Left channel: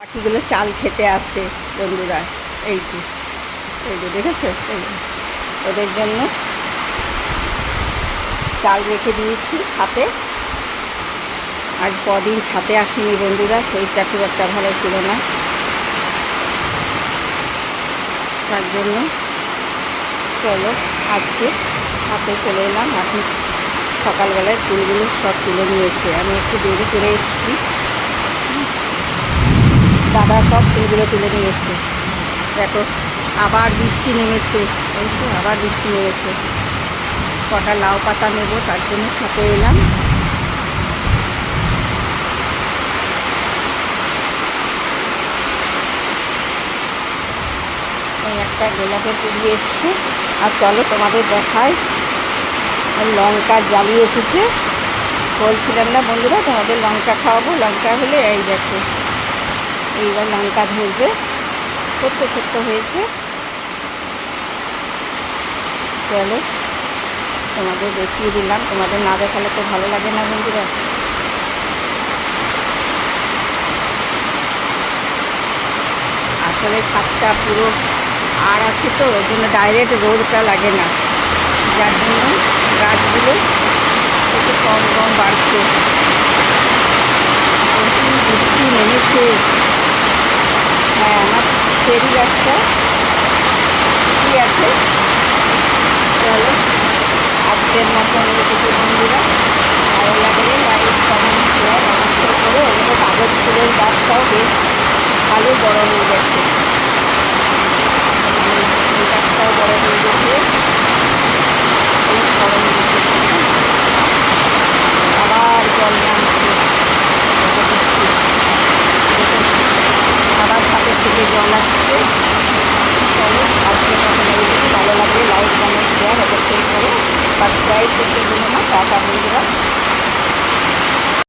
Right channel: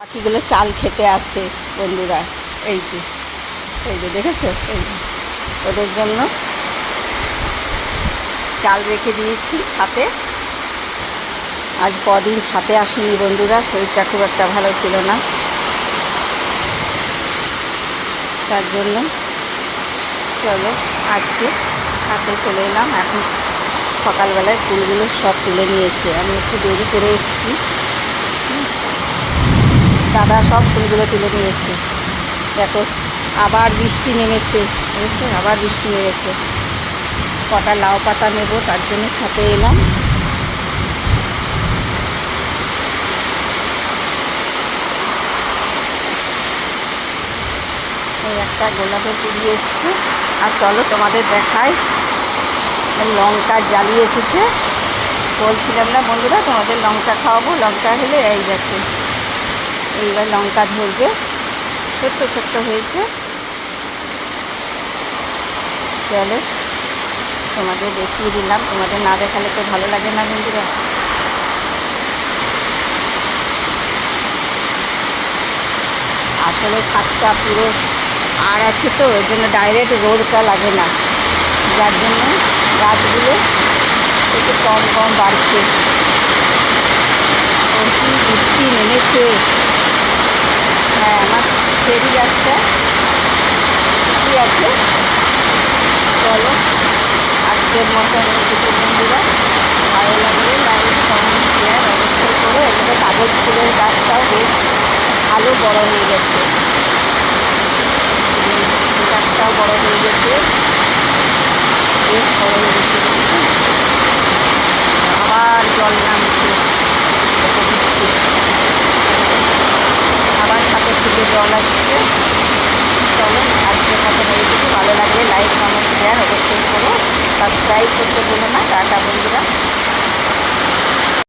পাখিগুলো চাল খেতে আসে বন্ধুরা। এই যে দেখেছো, এই ওদের জন্য চাল রেখে দিয়েছি ছাতে। আজ কদিন ছাতে আসেনি বন্ধুরা, শরীরটা খুব একটা ভালো ছিল না, তার জন্য চলো আজকে ছাতে চলে এলাম। এখন সকালবেলায় ফুলগুলো সব তুলে নিয়েছে, আমি একটু দেরি করে এসেছি। দাদা সব ফুলগুলো তুলে নিয়েছে। দেখো আবার বৃষ্টি নেমেছে, বুঝেছো, আবার বৃষ্টি নেমেছে। কটা লাউ পাতা নেব, তার জন্য ছাতে এলাম। এই একটা গোলাপের কুড়ি এসছে। আর চলো তোমাদের দেখাই, লঙ্কা জ্বালিয়ে এসেছে। বলছিলাম না বন্ধুরা তোমাদের লঙ্কা খাওয়াবো, লঙ্কা হলে এই দেখো এইবার লঙ্কা ধরবে, ছোট্ট ছোট্ট হয়েছে। চলো তোমাদের দেখিয়ে দিলাম, তোমাদের না দেখালে তো ভালো লাগে না বন্ধুরা। আসলে ছাদটা পুরো আর আছে তো, ওই জন্য ডাইরেক্ট রোদটা লাগে না, যার জন্য গাছগুলো একটু কম কম বাড়ছে। কি বৃষ্টি নেমেছে। হ্যাঁ, আমার চেরি গাছটা কি আছে। চলো আজকের মতন এইটুকু বন্ধুরা, ভালো লাগলে লাইক কমেন্ট শেয়ার অবশ্যই করো। এগুলো কাগজ ফুলের গাছটাও বেশ ভালো বড় হয়ে গেছে, গাছটাও বড় হয়ে গেছে, বেশ বড় হয়ে গেছে। আবার জল নামছে, আবার ছাদের থেকে জল আসছে। চলো আজকের মতন এইটুকু, ভালো লাগলে লাইক কমেন্ট শেয়ার অবশ্যই করো, সাবস্ক্রাইব করতে ভুলো না। টাটা বন্ধুরা।